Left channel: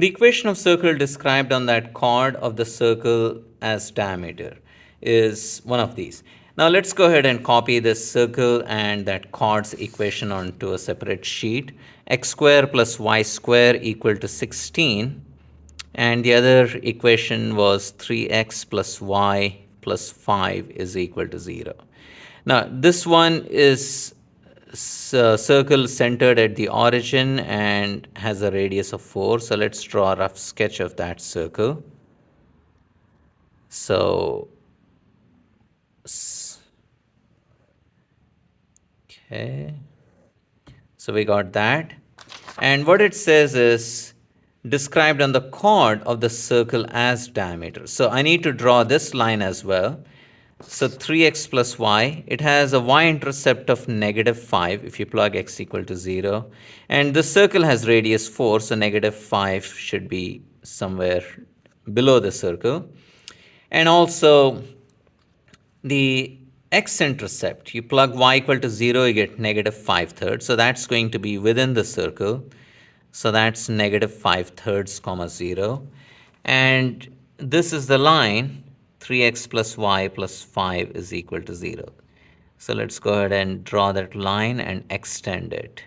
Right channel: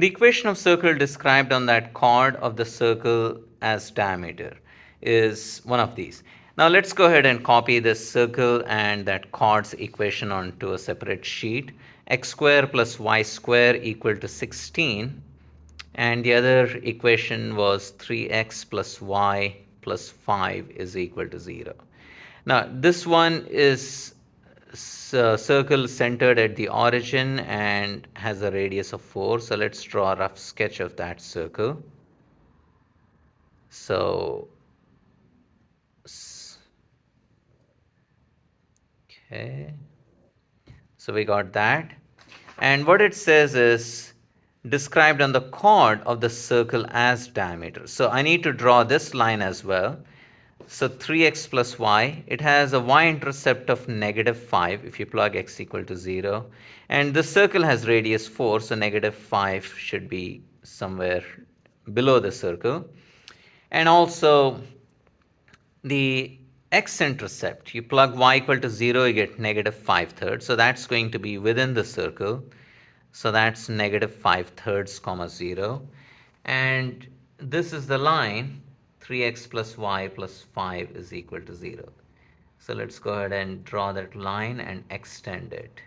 The equation of circle described on that chord of the circle as diameter is one of these. Now let's go ahead and copy this circle and that chord's equation onto a separate sheet. X square plus y square equal to 16, and the other equation was 3x plus y plus 5 is equal to 0. Now this one is circle centered at the origin and has a radius of 4. So let's draw a rough sketch of that circle. So, okay. So we got that. And what it says is described on the chord of the circle as diameter. So I need to draw this line as well. So 3x plus y, it has a y-intercept of -5 if you plug x equal to 0. And the circle has radius 4, so -5 should be somewhere below the circle. And also the x-intercept, you plug y equal to 0, you get -5/3. So that's going to be within the circle. So that's -5/3 comma 0. And this is the line 3x plus y plus 5 is equal to 0. So let's go ahead and draw that line and extend it.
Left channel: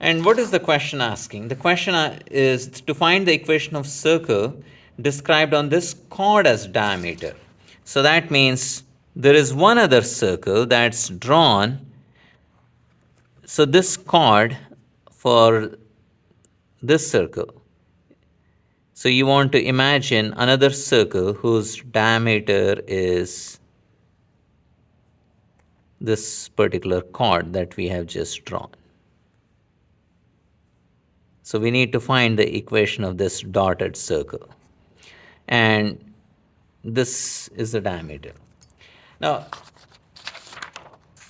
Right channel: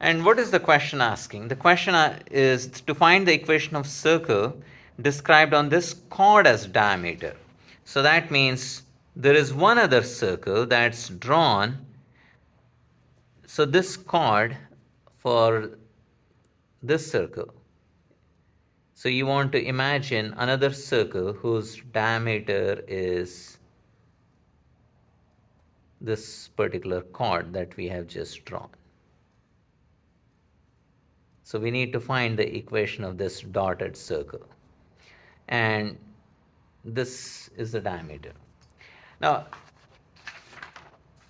And what is the question asking? The question is to find the equation of circle described on this chord as diameter. So that means there is one other circle that's drawn. So this chord for this circle. So you want to imagine another circle whose diameter is this particular chord that we have just drawn. So we need to find the equation of this dotted circle. And this is the diameter. Now,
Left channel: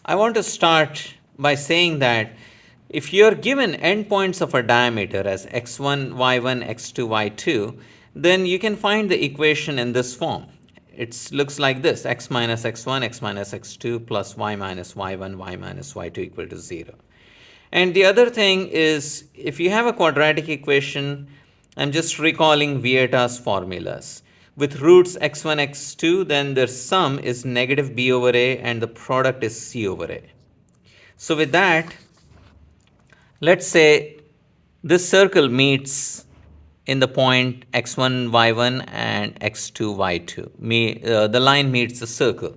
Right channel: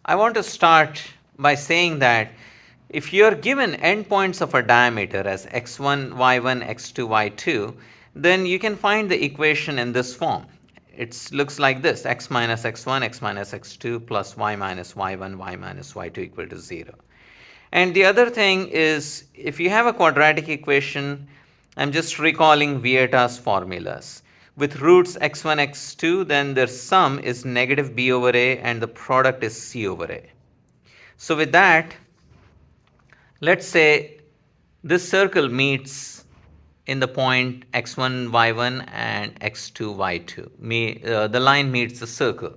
I want to start by saying that if you're given endpoints of a diameter as x1, y1, x2, y2, then you can find the equation in this form. It looks like this: x minus x1, x minus x2 plus y minus y1, y minus y2 equal to 0. And the other thing is, if you have a quadratic equation, I'm just recalling Vieta's formulas. With roots x1, x2, then their sum is negative b over a and the product is c over a. So with that, let's say this circle meets in the point x1, y1 and x2, y2. The line meets the circle.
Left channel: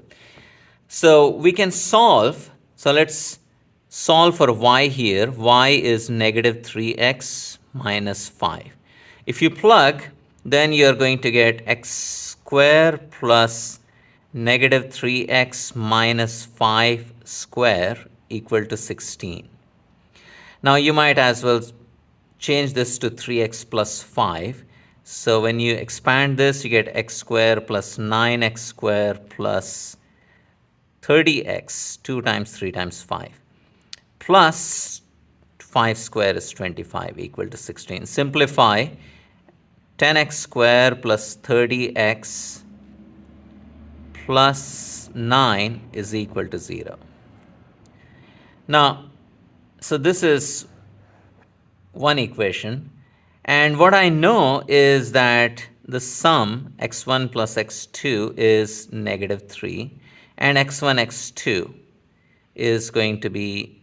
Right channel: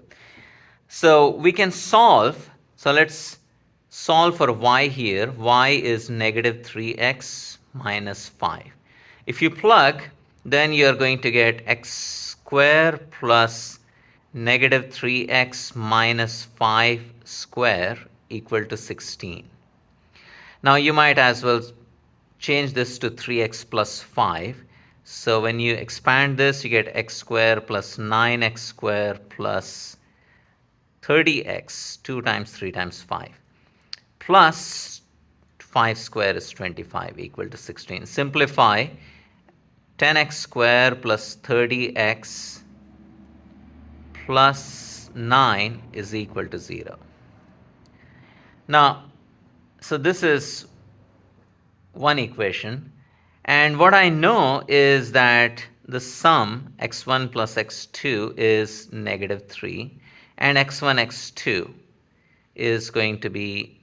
So we can solve. So let's solve for y here. Y is -3x minus 5. If you plug, then you're going to get x square plus -3x minus 5 square equal to 16. Now you might as well change this to 3x plus 5. So when you expand this, you get x square plus 9x square plus 30x, 2 times 3 times 5, plus 5 square is 25 equal to 16. Simplify, 10x square plus 30x plus 9 is equal to 0. Now, so this is one equation. And what I know is that the sum x1 plus x2 is -3, and x1, x2 is going to be,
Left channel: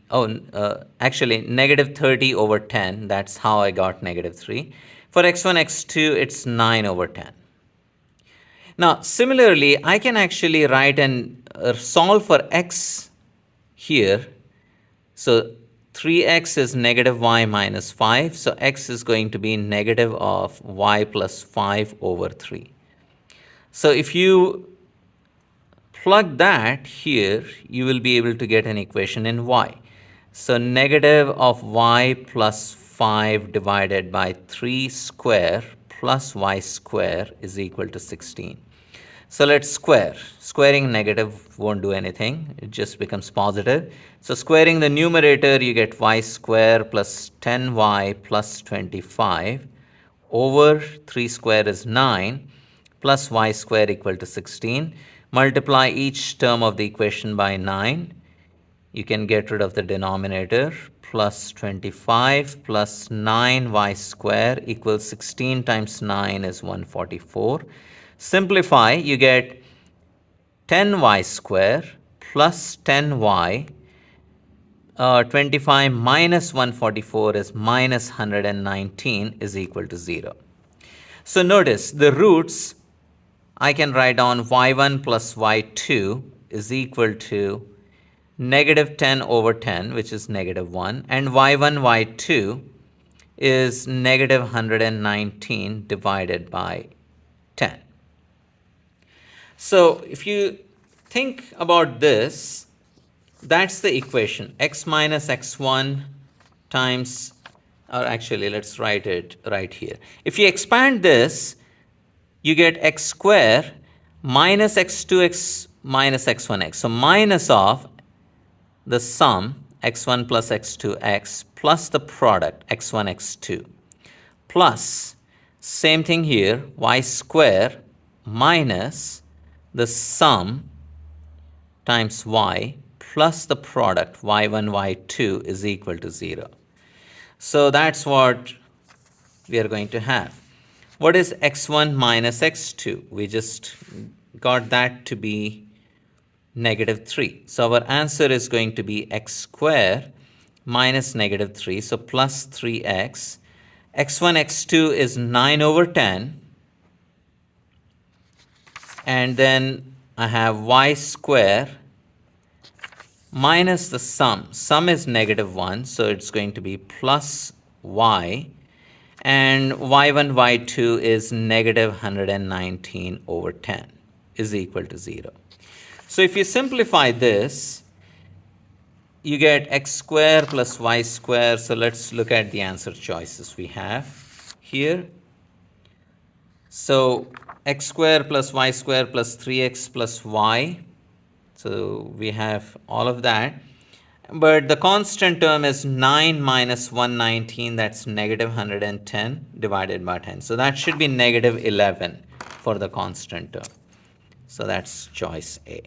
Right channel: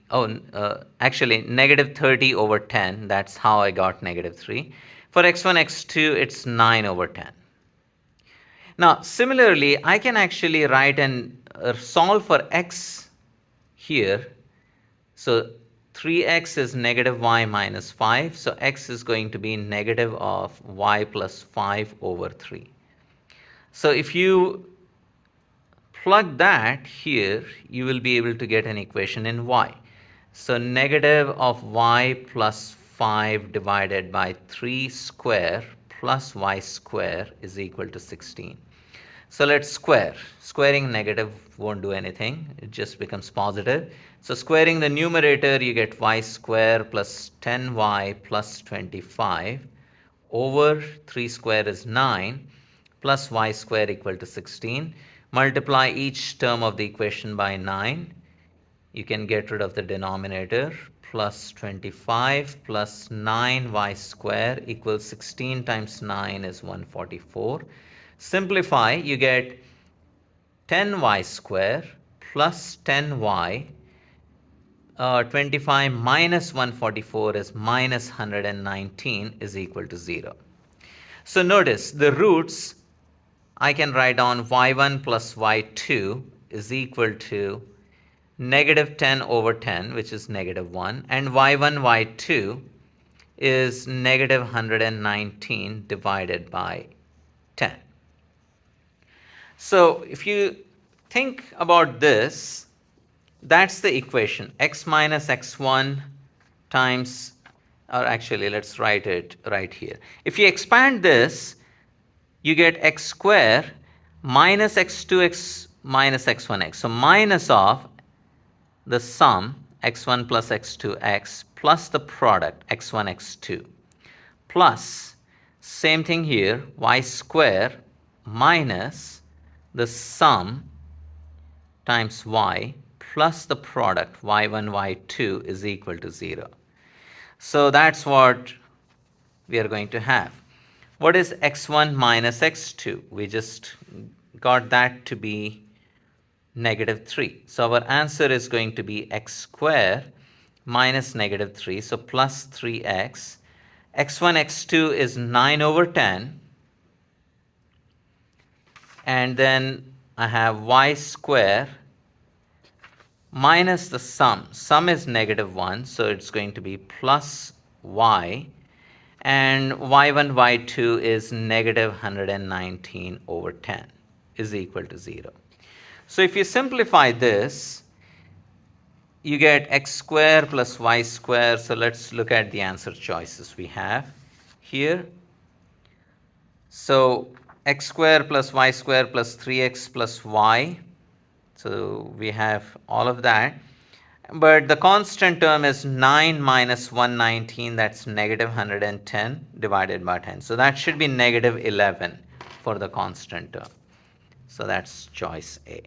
actually -30 over 10. That's how I got -3. For x1, x2, it's 9 over 10. Now, similarly, I can actually write and solve for x here. So 3x is -y minus 5. So x is going to be negative of y plus 5 over 3. So if you plug that here, you will be able to get an equation in y. So negative of y plus 5 divided by 3 square plus y square is equal to 16. So let's square. Squaring negative won't do anything. It just becomes positive. So squaring the numerator, you get y square plus 10y plus 25 over 3 square is 9 plus y square equal to 16. Multiply each term of the equation by 9. You can get rid of the denominator. plus 25 plus 9y square equals 16 times 9 is 144. Simplify, you get 10y square plus 10y. 25 minus 144 is minus 119 is equal to 0. So notice the roots, I can write down y1 plus y2 is equal to negative 10 over 10, which is negative 1, and y1, y2 is negative 119 divided by 10. So if you think about this, that's the equation, x minus x1 times, or actually let's write it right here. If you expand this, you get x square minus x2x minus x1x. So minus of the sum x1 plus x2x plus the product x1 x2 plus same thing here y square minus the sum times y plus the product y1 y2 is equal to 0. So that's what we are going to have. What is x1 minus x2? We just got that to be negative 3. So our answer is going to be x square minus negative 3. So plus 3x. x1, x2 is 9 over 10. And then I have y square minus the sum. Sum is negative 1, so it's going to be plus y. And y1, y2 is negative 119 over 10 is equal to 0. So if you simplify this, you get x square plus y square. So let's look at the answer choices we have here. So x square plus y square plus 3x plus y. So we have all of that. But the constant term is 9 minus 119, that's negative 110 divided by 10. So that should be negative 11 for the constant term. So that's choice A.